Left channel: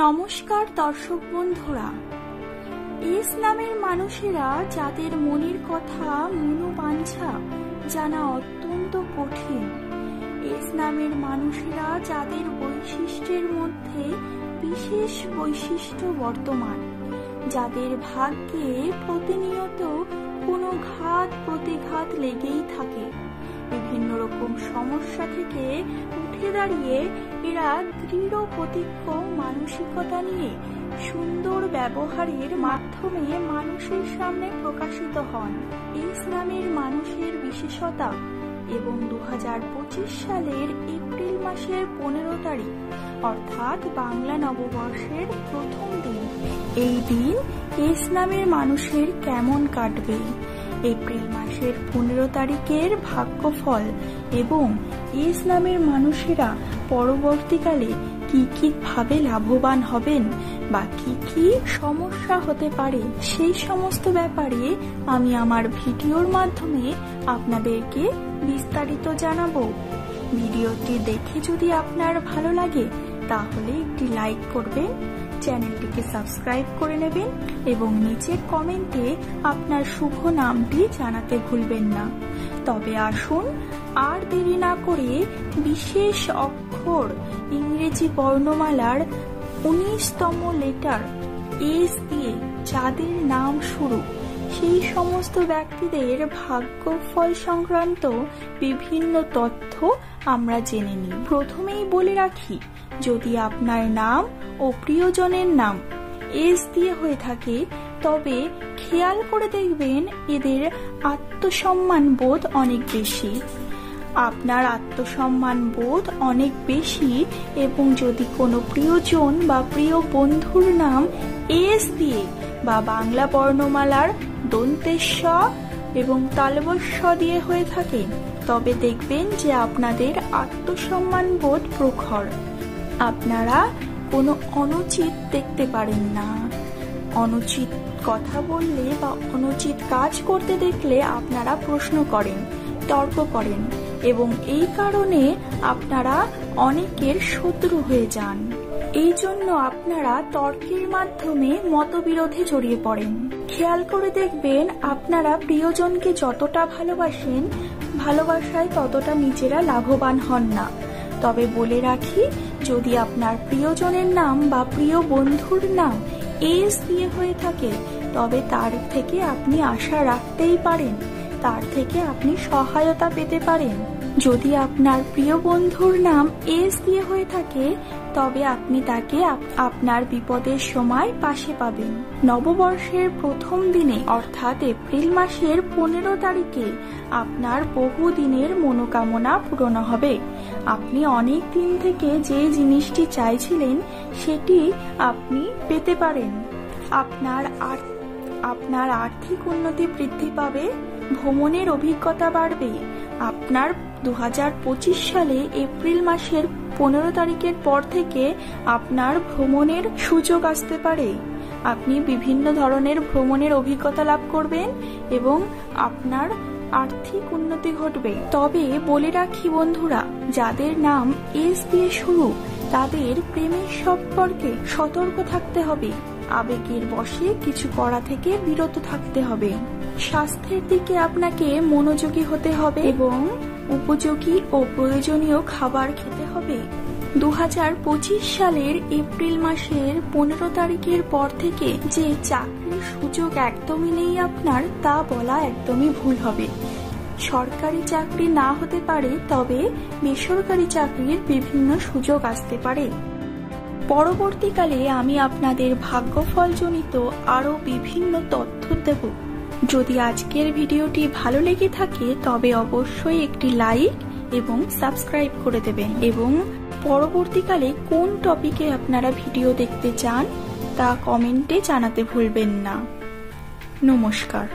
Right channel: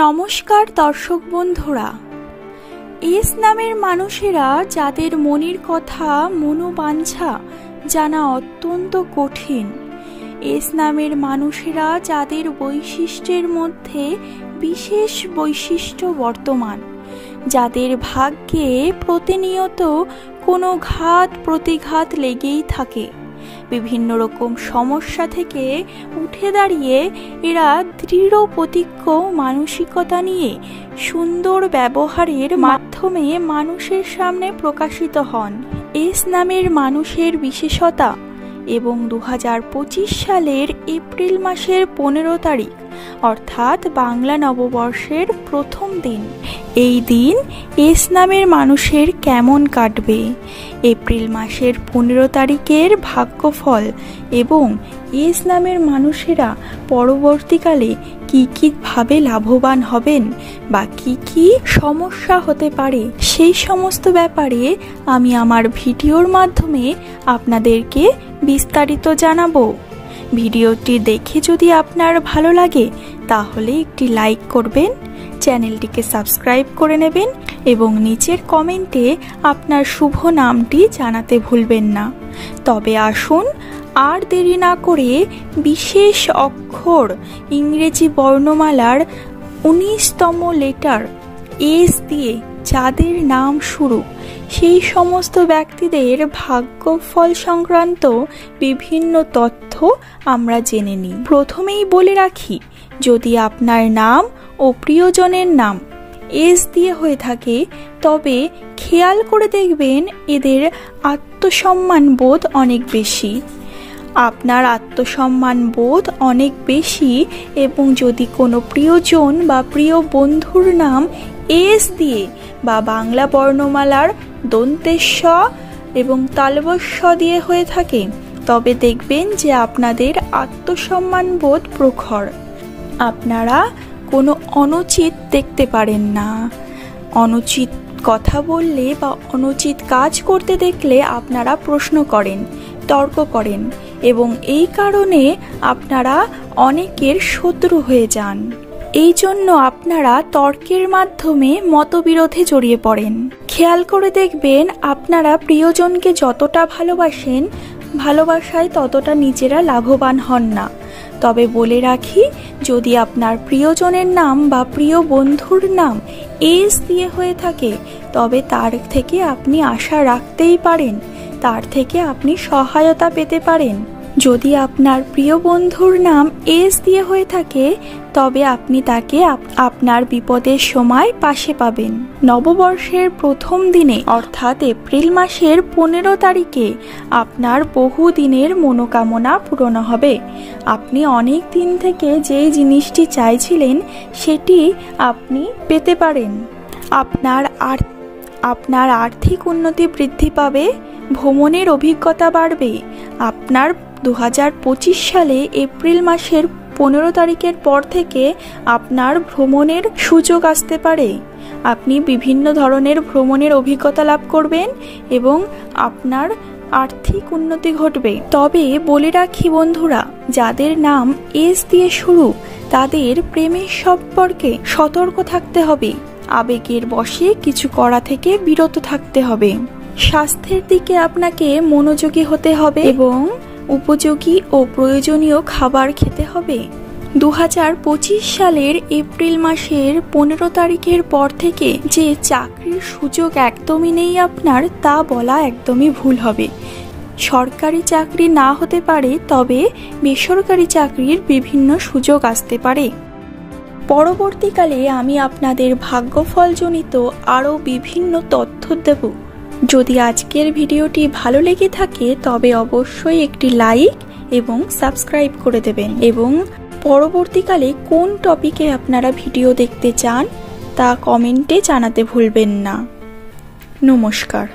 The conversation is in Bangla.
নমস্কার দর্শক বন্ধুরা। এস নামের মানুষেরা যাদের মনের কথা মনোবাঞ্ছা জানা অত্যন্ত কঠিন, এস নামের মানুষেরা যাদের বৈশিষ্ট্যের মধ্যে বিশেষ বৈশিষ্ট্য বর্তমান, যাদের ভাগ্যে প্রতিনিয়ত কোনো ঘাত প্রতিঘাত লেগেই থাকে, বিভিন্ন রকম সমস্যা থেকে উঠে দাঁড়িয়ে এরা দৃঢ় প্রতিজ্ঞ মানসিকতা নিয়ে সুন্দর ব্যবহারের মাধ্যমে মানুষের সামনে প্রকাশিত হন। এস নামের মানুষের বিশেষতা এবং 2025 সালের এপ্রিল মাসের 15 তারিখ অর্থাৎ বাংলা নববর্ষের প্রথম দিন, এই দিন এস নামের মানুষের কেমন কাটবে, এপ্রিল মাসের 15 তারিখের ভাগ্যফল এবং এস নামের মানুষেরা পরবর্তীকালে কি কি ভাবে লাভবান হবেন বা কি কি সমস্যা হতে পারে, সেই সমস্ত ব্যাপারে আমি আমার ভিডিওর মাধ্যমে আপনাদেরকে বিস্তারিত জানাবো। ভিডিওটি দেখে যদি আপনার ভালো লাগে তাহলে একটি লাইক করবেন, চ্যানেলটিকে সাবস্ক্রাইব করে নেবেন এবং নিচের কমেন্টে আপনার শুভ নামটি জানাতে ভুলবেন না। তবে আসুন আর দেরি না করে বিশেষ অক্ষর ইংরেজি বর্ণমালার 19তম লেটার এস দিয়ে যাদের নাম শুরু, সেই সমস্ত ব্যক্তিদের ভাগ্যফল সংক্রান্ত বিভিন্ন তথ্য আমরা জেনে নিই। প্রথমেই বলে রাখি, যদি আপনার নাম ও প্রিয়জনের নাম এস দিয়ে হয়ে থাকে তবে খেয়াল করে দেখবেন এদের আত্মসম্মান বোধ অনেক বেশি। আপনার আত্মসম্মান বোধ অনেক বেশি এবং যদি কোনো প্রিয়জন বা প্রিয় বন্ধুর নাম এস দিয়ে বা বাংলা বর্ণমালার দন্তেস্ব এবং তালবস্য দিয়ে হয়ে থাকে তবে দেখবেন যে আপনাদের আত্মসম্মান বোধ প্রখর। আপনারা কোনো অনুচিত দেখতে পারেন না। অনুচিত কথা বললে বা অনুচিত কাজ করতে দেখলে আপনারা প্রশ্ন করেন, তর্ক করেন এবং এই কারণে আপনারা অনেকের শত্রু হয়ে যান। এই জন্য আপনারা তর্কের মাধ্যমে মতবিরোধে জড়িয়ে পড়েন। খেয়াল করে দেখবেন আপনারা প্রিয়জনকে যতটা ভালোবাসেন, ভালোবাসায় ততটা নিজেরা লাভবান হন না। তবে বলে রাখি, যদি আপনার প্রিয়জনের নাম বা প্রিয় বন্ধুর নাম এস দিয়ে হয়ে থাকে তবে তার থেকে আপনি আশা রাখতেই পারেন, তার থেকে আপনি সহায়তা পেতে পারেন। যদি আপনার প্রিয় বন্ধুর নাম এস দিয়ে হয়ে থাকে তবে আপনি তাকে আপনার বিপদের সময় পাশে পাবেন। নববর্ষের প্রথম দিনে অর্থাৎ এপ্রিল মাসের 15 তারিখে আপনার বহু দিনের মনোকামনা পূরণ হবে। আপনি অনেক দিন থেকে যে জিনিসটি চাইছিলেন সেটি আপনি পেতে পারেন। আপনার আর্থিক উন্নতি বৃদ্ধি পাবে, ভ্রমণের অভিজ্ঞতা বাড়বে। আপনার 2025 সালে এপ্রিল মাসের 15 তারিখের পর থেকে আপনার ভ্রমণের সুযোগ আসতে পারে। আপনি বিভিন্ন ধরনের ভ্রমণের অভিজ্ঞতা লাভ করবেন এবং আপনার আর্থিক উন্নতি ঘটবে। তবে বলে রাখি বন্ধুরা, যাদের নাম এস দিয়ে শুরু তাদের প্রেমের সম্পর্কে সতর্ক থাকতে হবে, আবেগের বশে কিছু করা থেকে বিরত থাকতে হবে। স্বাস্থ্যের দিকে আপনাকে মনোযোগী হতে হবে এবং উপযোগী ও প্রয়োজনীয় খাবার খেতে হবে। 2025 সালের এপ্রিল মাসের 15 তারিখের পর থেকে যে চাকরির সুযোগ একদমই নেই আপনার, তা বলা একদমই ভুল হবে। সরকারি চাকরি না হতে পারে তবে বেসরকারি চাকরির বিভিন্ন সুযোগ আসতে পারে। পরবর্তীকালে আমি আপনাদের ভাগ্যফলজনিত আরও বিভিন্ন তথ্য দেব। যদি আজকের ভিডিওটি ভালো লেগে থাকে তবে অবশ্যই একটি লাইক এবং সাবস্ক্রাইব করে দেবেন এবং পরবর্তীকালে কোন টপিকে আপনারা ভিডিও দেখতে চান তা কমেন্টে জানাতে ভুলবেন না। নমস্কার।